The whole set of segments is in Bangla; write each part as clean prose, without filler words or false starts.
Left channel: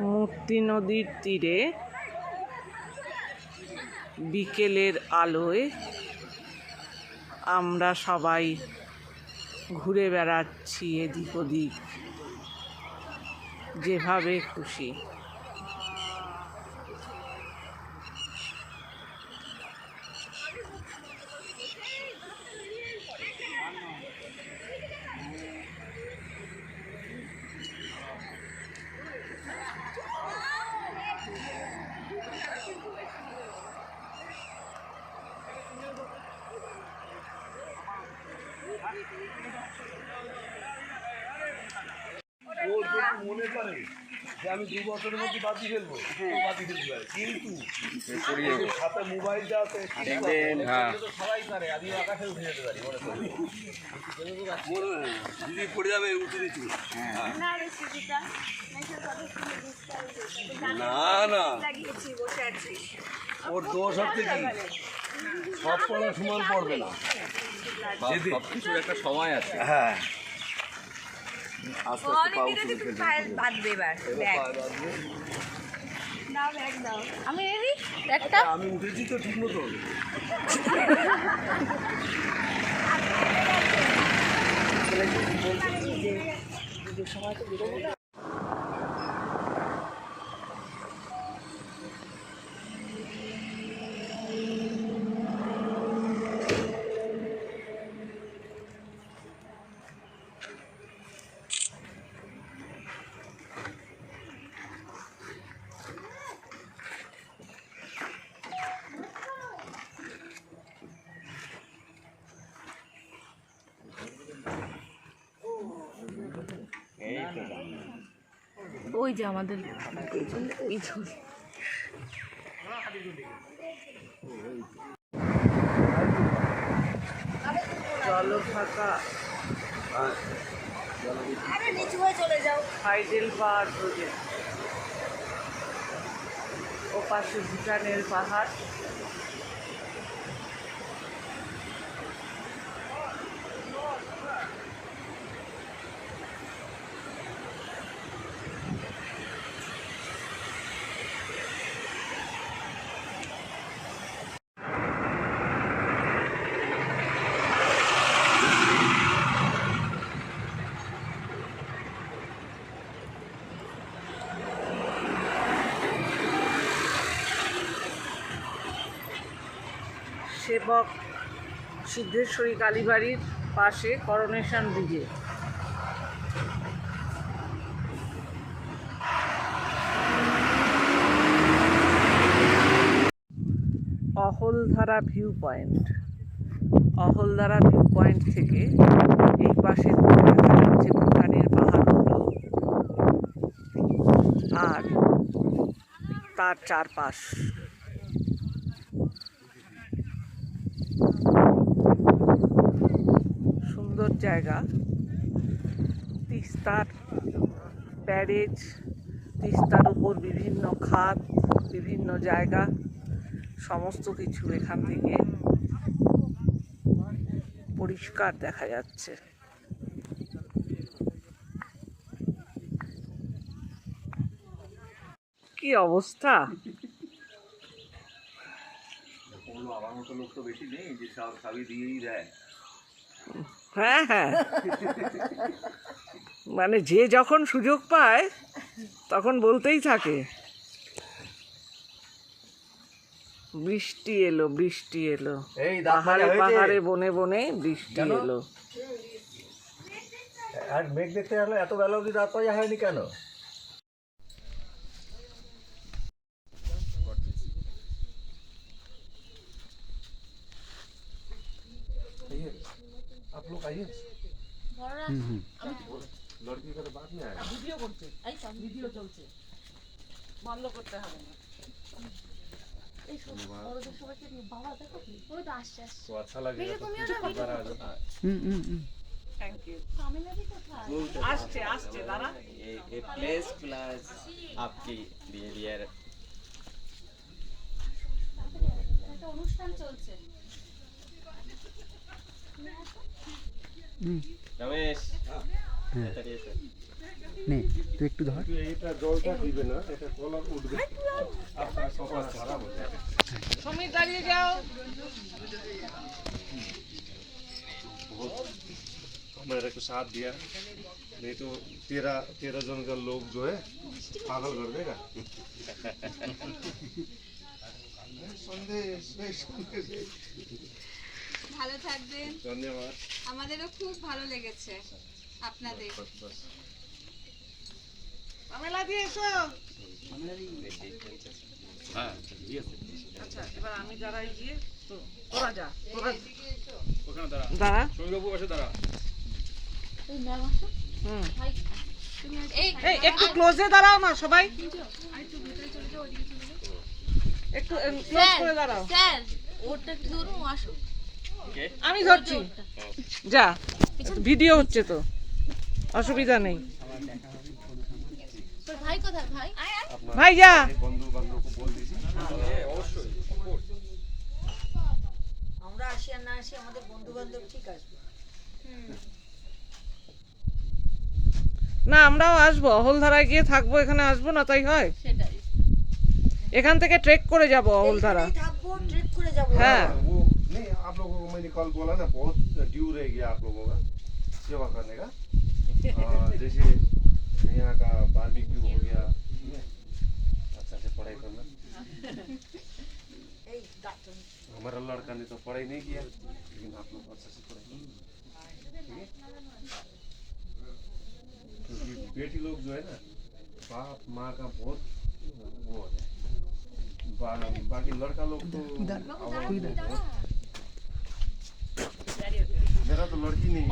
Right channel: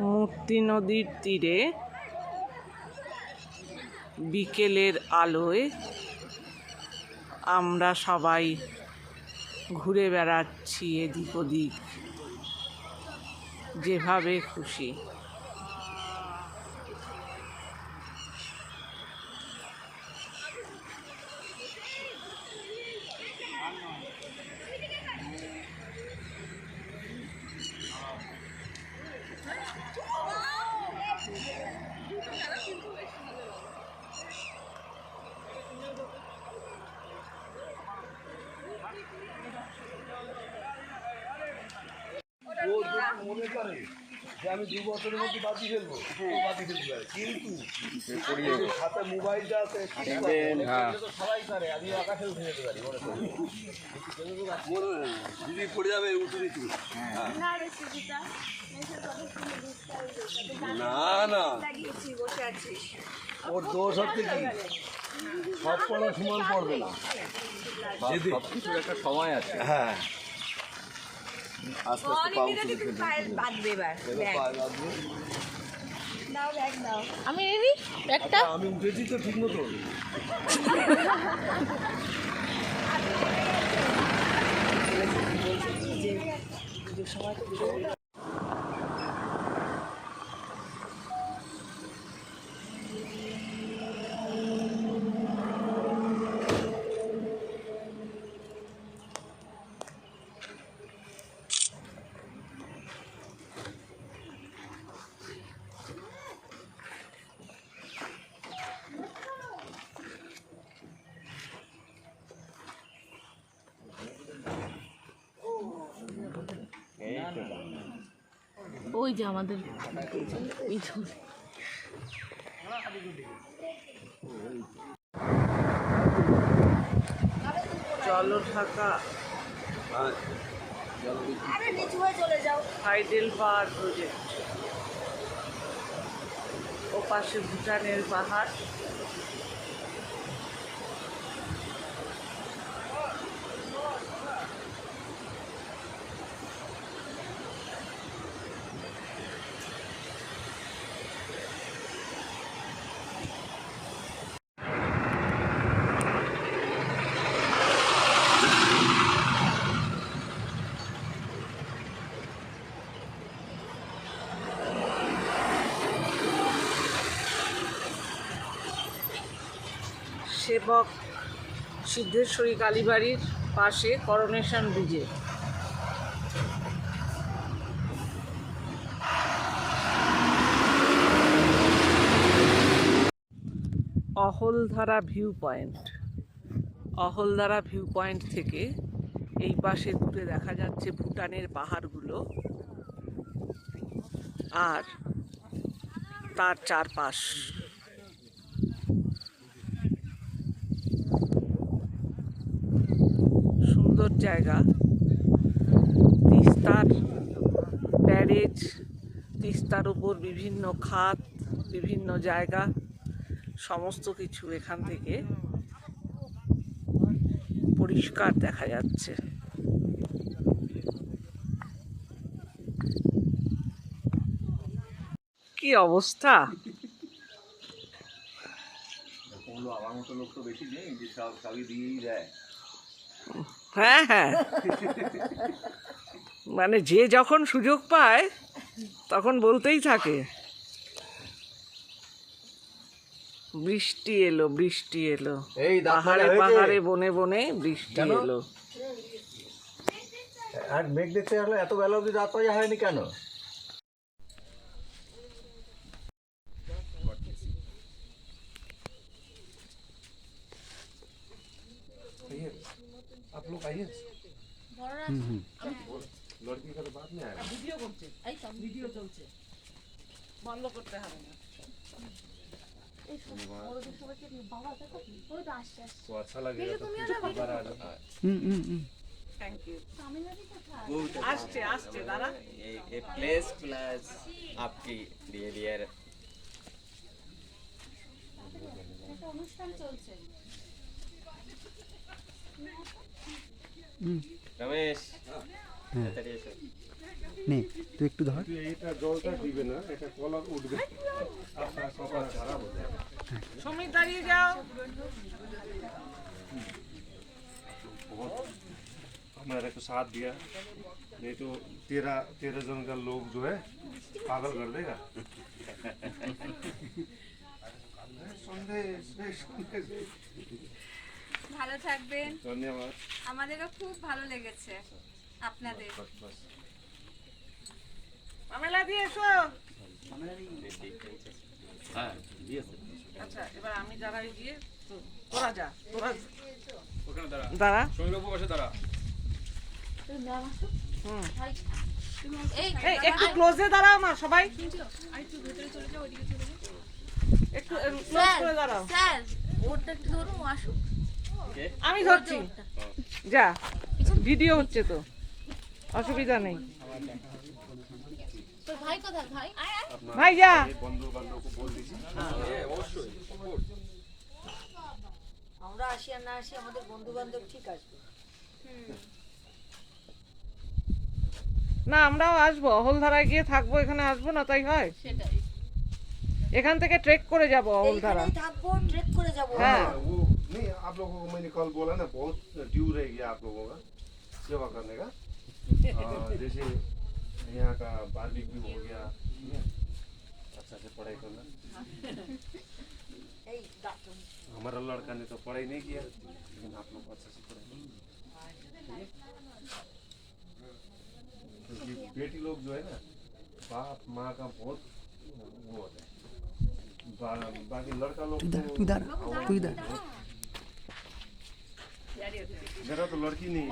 মূর্তি নদীর তীরে বিকেলের আলোয় আমরা সবাই ঘুরে বেড়াচ্ছি এদিক ওদিক, যেভাবে খুশি। মনে করে যে আমি 2 বছরের মধ্যে বাদি ফেলবো, বাদি ফেলবো, কিন্তু হাতে মোবাইলটা আছে, সবাই পারে। আমি আকাশে উঠে যেতে পারি, মনে করি যদি পড়ে যাবে উঠে দিচ্ছি। না না, ওর দোষ হচ্ছে কি, সব পড়া সমান পড়বে না, সব কিছুর একটা সময় আছে। হ্যাঁ, আমি উঠেছি তো ঠিক মতো। ওই যে আমাদের জলঢাকা হাইডেল পাহাড় প্রজেক্ট, ও পাশে ভুটানের পাহাড়। সেবক সিদ্ধেশ্বরী কালীবাড়ির পাশে করোনেশন ব্রিজে Ahaldhara view point. Ahaldhara view point থেকে এই পাশে দেখা যাচ্ছে ভুটানের পাহাড়গুলো আর তার চারপাশ। সুন্দর জায়গা। তিস্তার ব্যারেজ, তিস্তার উপর বিভিন্ন খাত, বিভিন্ন জায়গা, সমস্ত কিছু এখান থেকে পরিষ্কার দেখা যাচ্ছে। কি অবস্থা! আমার মতো লোক তো বেশি নেই যে সবই দিয়েই দেয়। হ্যাঁ হ্যাঁ, মানে যে যখন সুযোগ পায় তখন বলতেই থাকে বৃষ্টি এলো, বৃষ্টি এলো, পাহাড়ে পাহাড়ে বনে বনে বৃষ্টি এলো। আর মেঘ দেখতে আসলে এত বেলা অবধি রাত পাওয়া হয়নি কেন? आप लोग आइए। लड़की का तो बात नहीं आया। वीडियो करते, वीडियो चलते, बंद करते হবে না। तो अच्छा लगेगा तो दोबारा आ जाओ। Thank you. आस्ते आस्ते दादा, ये प्लेस प्लस आपकी बिहेवियर একটা অনুষ্ঠান চলছে। रमेश नहीं একটু ধর। এটা জলটা দিবে না, এটা কলার উঠবে, আপনার কপাল খারাপ হয়ে যাবে। সমীর দাঁড়িয়ে যাও। हमारे को साथ दिया, नहीं तो तेरा तेरा जन का लोग जो है पागल कर देगा। संदेश संदेश। ভালো থাকবেন। धन्यवाद। আমাদেরও খুব ভালো লেগেছে আপনাদের। মামেলা দিয়ে এসো। আচ্ছা এবার আমি দাঁড়াই গিয়ে তোরা যা, তোরা দাঁড়া। হুম। এই এই একটু ক্লোজে দাঁড়াও না সবাই, একটু ক্লোজ করে দাঁড়াও। স্যার ওটা একটু ধরুন আসুন। আমি ধরছি, যা ভিডিও হচ্ছে তো, অসুবিধা নেই। তোর ভাই কোথায় ভাই? ভাই যা। बंधु बांधव को बोल दीजिए। আমরা আসি আর না আসি আমাদের বন্ধু বান্ধব ঠিক আসবে। না আমরাও আসবো, অহলধারায় গিয়ে থাকবো, এখানে আসবো না তাই হয়? সেটাই। এখান থেকে ট্রেক করে যাব অহলধারা। এইখানেই থাকবো, ট্রেক করে যাবো। হ্যাঁ वो नहीं, आप लोगों को मैंने कल बोला ना, बहुत ड्यू रह गया आप लोगों का सेवा करने का। जैसे यहाँ का बारबेक्यू हो गया, ठीक है? अच्छा से पढ़ाई करना। এই ডাক্তার हमारा लड़का ने तो पढ़ाई नहीं किया, लेकिन आप लोग अच्छा से पढ़ाई, ठीक है? क्योंकि बेटी लोग जो है ना, बाप माँ का बहुत वो होता है। बाकी लड़का लोग तो मेरा तो लड़की नहीं है।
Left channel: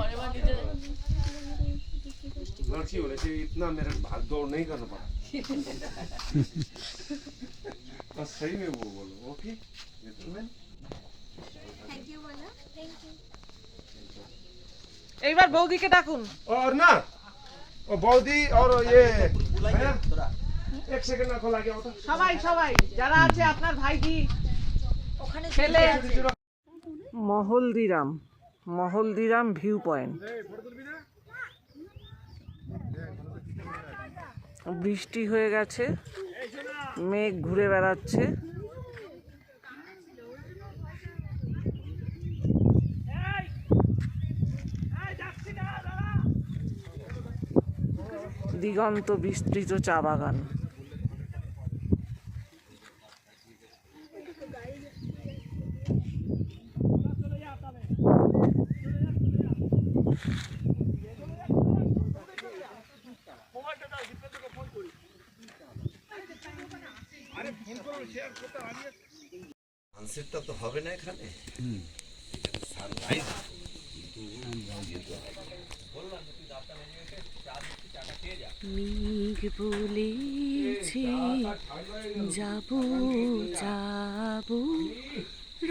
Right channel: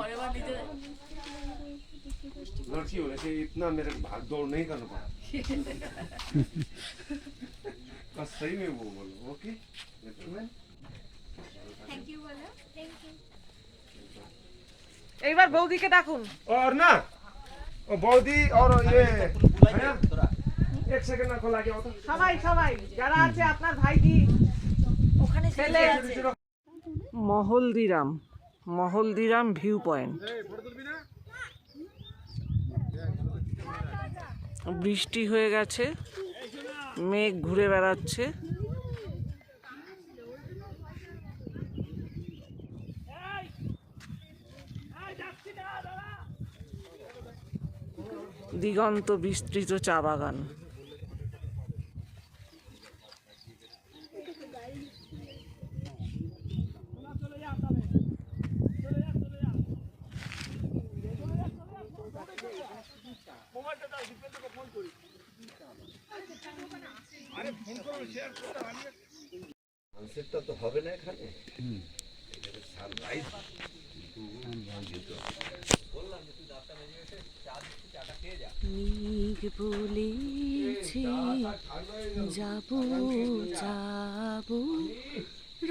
लड़की होने से इतना मेरे भाग दौड़ नहीं करना पड़ा। बस सही में वो बोलो, ओके? এইবার বৌদিকে ডাকুন। और ना, और बौदी और ये एक सेकंड ना खोला गया होता। সবাই সবাই যারা আছে আপনার ভাইজি ওখানে ছেলে ছেলে আছে। Mahaldiram, Mahaldiram view point. বৃষ্টি হয়ে গেছে, মেঘ ঘুরে বেড়াচ্ছে। দিগন্ত বিস্তৃত চা বাগান। সানসেটটা তো হবে না এখানে, সানরাইজ মেঘ বলেছে যাব যাব,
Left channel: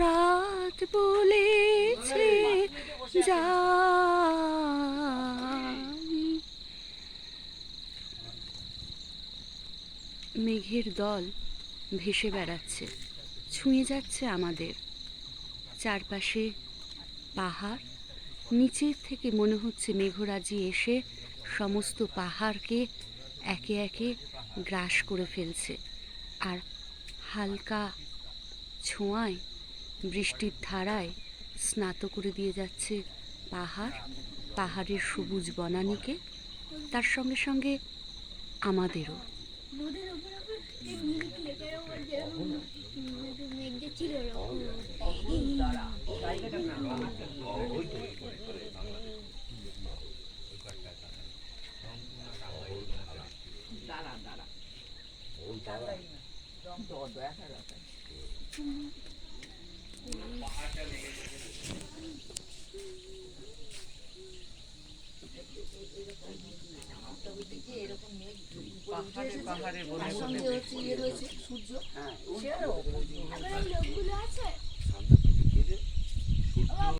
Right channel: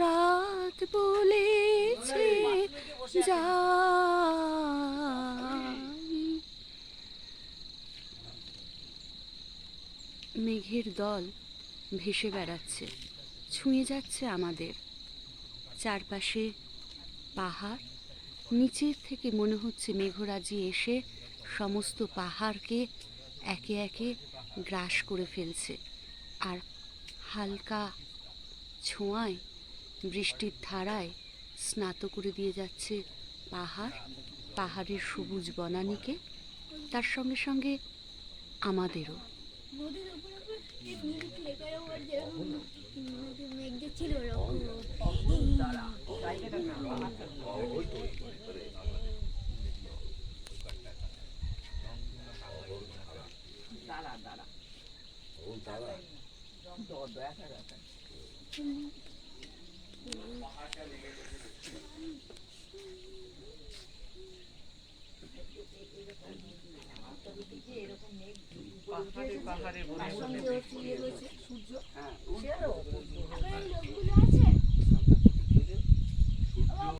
রাত বলেছে যাই। মেঘের দল ভেসে বেড়াচ্ছে, ছুঁয়ে যাচ্ছে আমাদের চারপাশে পাহাড়। নিচের থেকে মনে হচ্ছে মেঘরাজি এসে সমস্ত পাহাড়কে একে একে গ্রাস করে ফেলছে, আর হালকা ছোঁয়ায় বৃষ্টির ধারায় স্নাত করে দিয়ে যাচ্ছে পাহাড়, পাহাড়ের সবুজ বনানীকে, তার সঙ্গে সঙ্গে আমাদেরও। এরকম মেঘ পাহাড়ে পাহাড়ে তার সঙ্গে হচ্ছে ইয়ে রয়েছে সূর্য, সেটাও